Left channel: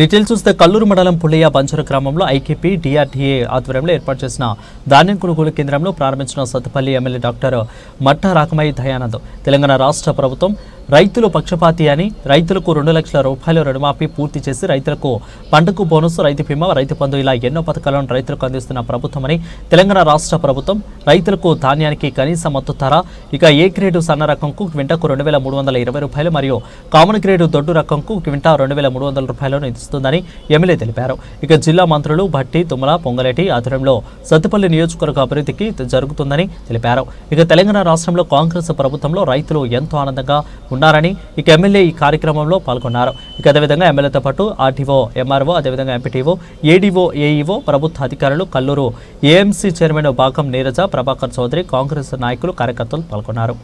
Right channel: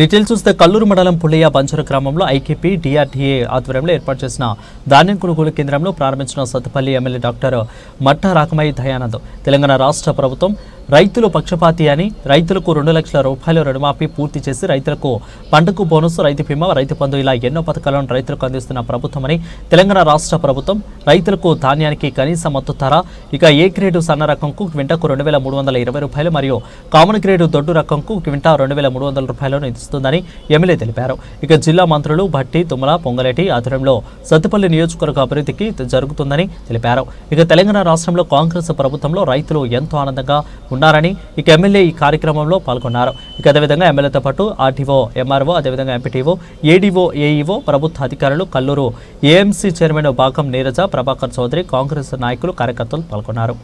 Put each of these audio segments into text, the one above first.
Details చూస్తే కల్లూరు మండలం పుల్లయ్య బంజరు గ్రామంలో ఐకేపీ డిఆర్డీఏ ఆధ్వర్యంలో ఏర్పాటు చేసిన ధాన్యం కొనుగోలు కేంద్రంలో ప్రారంభించిన సత్తుపల్లి ఎమ్మెల్యే డాక్టర్ మట్ట రాకమయ్య దయానంద్ తెలంగాణ రాష్ట్ర ప్రభుత్వం రైతులు పక్షపాతి అని రైతులకు 2 లక్షల రూపాయలు రుణమాఫీ పూర్తి చేసి రైతులకు పంటకు బోనస్ రైతు బీమా రైతు బంధు ఇలా ఎన్నో పథకాలను రైతులకు అందిస్తున్న ప్రభుత్వమని తెలంగాణ రాష్ట్ర ప్రభుత్వం రైతులకు ధాన్యానికి కనీస మద్దతు ధర ఇక ఏ గ్రేడు సన్న రకంకు క్వింటాకు 2320 రూపాయలు మరియు కామన్ గ్రేడు దొడ్డు రకంకు క్వింటా 2300 రూపాయలను ఇస్తుందని ఎమ్మెల్యే తెలిపారు. ఇక జిల్లా మంత్రులు భట్టి తుమ్మల పొంగలేటి ఆధ్వర్యంలో సత్తుపల్లి నియోజకవర్గ అభివృద్ధికి జరుగుతుందని తెలిపారు. ఇక తెలంగాణ రాష్ట్రంలో కాంగ్రెస్ ప్రభుత్వంలో రైతులు ఎంతో ఆనందంగా ఉన్నారని ఇక ఎమ్మెల్యే ఈ కార్యక్రమంలో పాల్గొన్నారు. ఇక అదేవిధంగా ఎమ్మెల్యేతో పాటు ఆర్టీఓ ఎంఆర్ఓ అదేవిధంగా ఎంపీటీఓ ఏడీఓ ఏఈఓ ప్రభుత్వ అధికారులు కల్లూరు ఏఎంసీ చైర్మన్ బాగం నీరజ ప్రభాకర్ చౌదరి కాంగ్రెస్ నాయకులు కార్యకర్తలు పాల్గొన్నారు.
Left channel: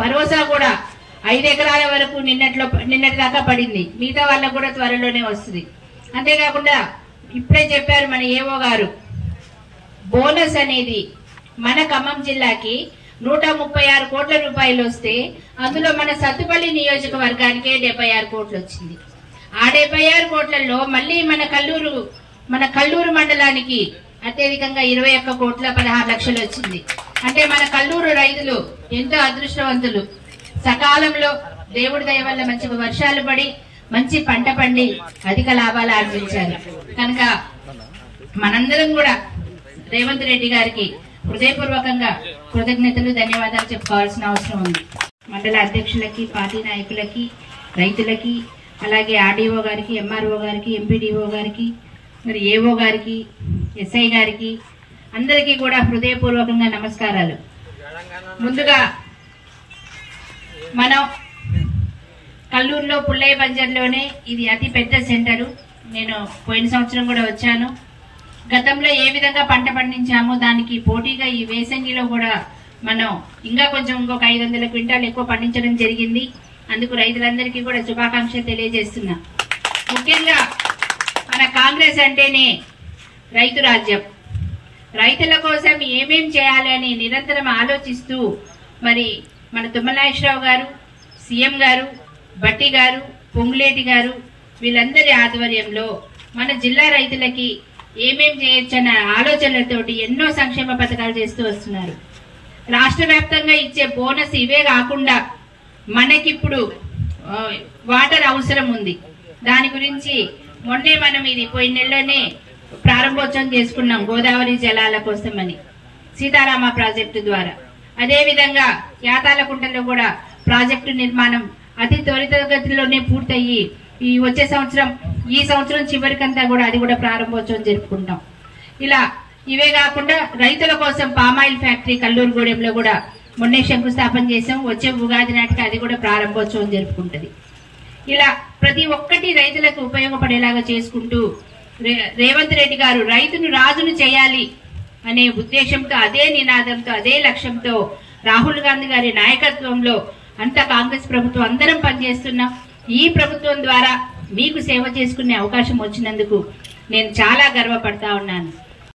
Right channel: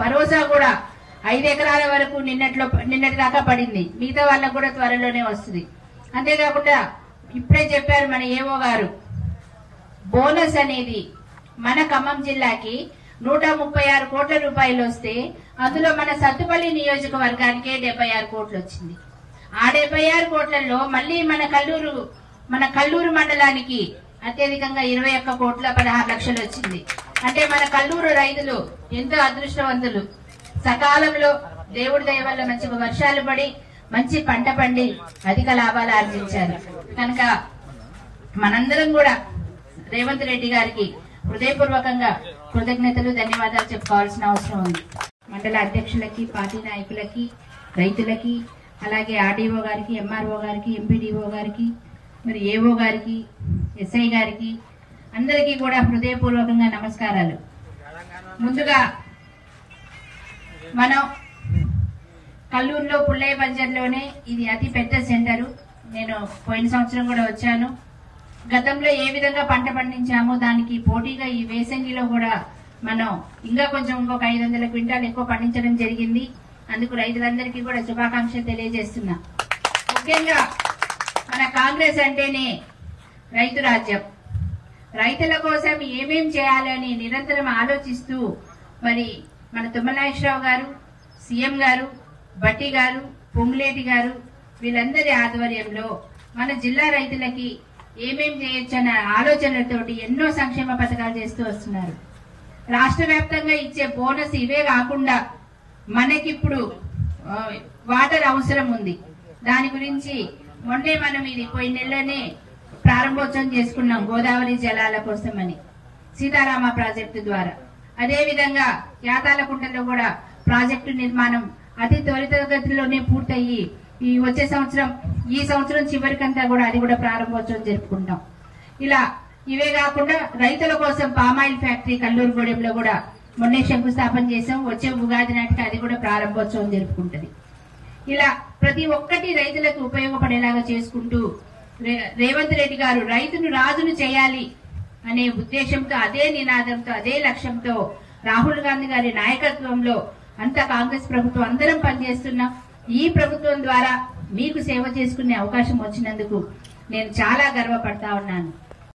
భరోసా కూడా 5 ఎకరాల వరకు నిన్నటి దాకా పడింది. మిగతా వాళ్ళకు కూడా త్వరలోనే వస్తుంది. అంతేకాకుండా ఇప్పుడే చెప్పారు మన ఏవో గారు, బోనస్ అనేది మన ఖమ్మం జిల్లాకి 136 కోట్ల రూపాయలు వస్తే అందులో మన సత్తుపల్లి నియోజకవర్గానికి 76 కోట్లు వచ్చింది. ఆ 76 కోట్లలో మళ్ళీ మన కల్లూరు మండలానికి అత్యధికంగా 21 కోట్ల 16 లక్షలు వచ్చింది. అంటే మన కల్లూరు రైతులు ఎంతో అదృష్టవంతులు. సకాలంలో దేవుడి దయ వల్ల మంచిగా వర్షాలు పడి మంచి పంట పండి అధిక లాభాలు ఆర్జించారు. కనుక మనందరం కూడా రేవంత్ రెడ్డి గారికి హృదయపూర్వకంగా కృతజ్ఞతలు ధన్యవాదాలు చెప్పుకోవాల్సిన అవసరం ఉంది. మండల అధ్యక్షులకి పార్టీ నాయకులకి రైతులకి అలాగే ఆర్డీఓ గారికి ఎంఆర్ఓ గారికి ఎంపీడీఓ గారికి మరి ఏఓ గారికి ఎస్ఐ గారికి అందరికీ కూడా హృదయపూర్వకంగా నమస్కారాలు. ముందుగా మనం కల్లూరులో పుల్లయ్య బంజర్లోనే ఇది అతి పెద్ద సెంటరు. నేను పోయిన సంవత్సరం కూడా వచ్చాను. గతంలో ఏ విధంగా పంట పండించామో దానికి పోటీగా ఈ వేసంగిలో కూడా మనం ఇంకా కొంచెం ఇంకొక 500 క్వింటాలు ఎక్కువ పండించడం జరిగింది. అందుకు రైతులందరికీ కూడా శుభాకాంక్షలు తెలియజేస్తున్నా. ముఖ్యంగా మన కాంగ్రెస్ అంటేనే రైతు రాజ్యం. రైతుల కోసం ఏమేం చేయాలి అని నిరంతరం ఆలోచిస్తూ మరి మన తుమ్మలనాగేశ్వరరావు గారు, సీఎం గారు, భట్టి గారు, పొంగులేటి గారు వీళ్ళందరి ఆధ్వర్యంలో మన జిల్లా రైతులకి ఏమేం చేయొచ్చన్న ఆలోచనలతోటి ఎన్నో సంక్షేమ పథకాలు చేస్తూ వస్తున్నారు. రాష్ట్ర వ్యాప్తంగా ఇచ్చే బోనస్ ఇవే కాకుండా మనకిప్పుడు వాటర్ అవసరం ఉంది. దాని గురించి మొన్నే మనం ఇది పోయిన నెలలోనే ప్రారంభోత్సవం చేసుకున్నాం గోదావరి జలాల కోసమని సీతారామ ప్రాజెక్టు ద్వారా. అదే విధంగా యాతాలకుంటలో కూడా ప్రాజెక్టు నిర్మాణం అతి త్వరితగతిలోనే పూర్తయ్యి ఈ సంవత్సరం చివరికంతా కూడా అది కూడా ప్రారంభోత్సవం జరుపుకుంటాం. ఇలా ఇవే కాకుండా రైతుల కోసం పామాయిల్ ఫ్యాక్టరీ కల్లూరుగూడెంలో కూడా మొన్నే శంకుస్థాపన చేసాం. వచ్చే ఉగాది నాటికి అది కూడా ప్రారంభోత్సవం జరుపుకుంటది. ఇలా ప్రతి ఒక్కటి రైతులకు ఉపయోగపడేలాగా చేసుకుంటూ రేవంత్ రెడ్డి గారు రైతును రాజును చేయాలి అనే ఉద్దేశంతో, అదే నినాదంతో, అదే లక్ష్యంతో రాహుల్ గాంధీ గారి నాయకత్వంలో అంతా కాంగ్రెస్ ప్రభుత్వం అందరం పనిచేస్తున్నాం. ఈ ప్రభుత్వం ద్వారా మీకు సేవ చేసుకునే అవకాశం వచ్చినందుకు నేను చాలా గర్వపడతా ఉన్నాను.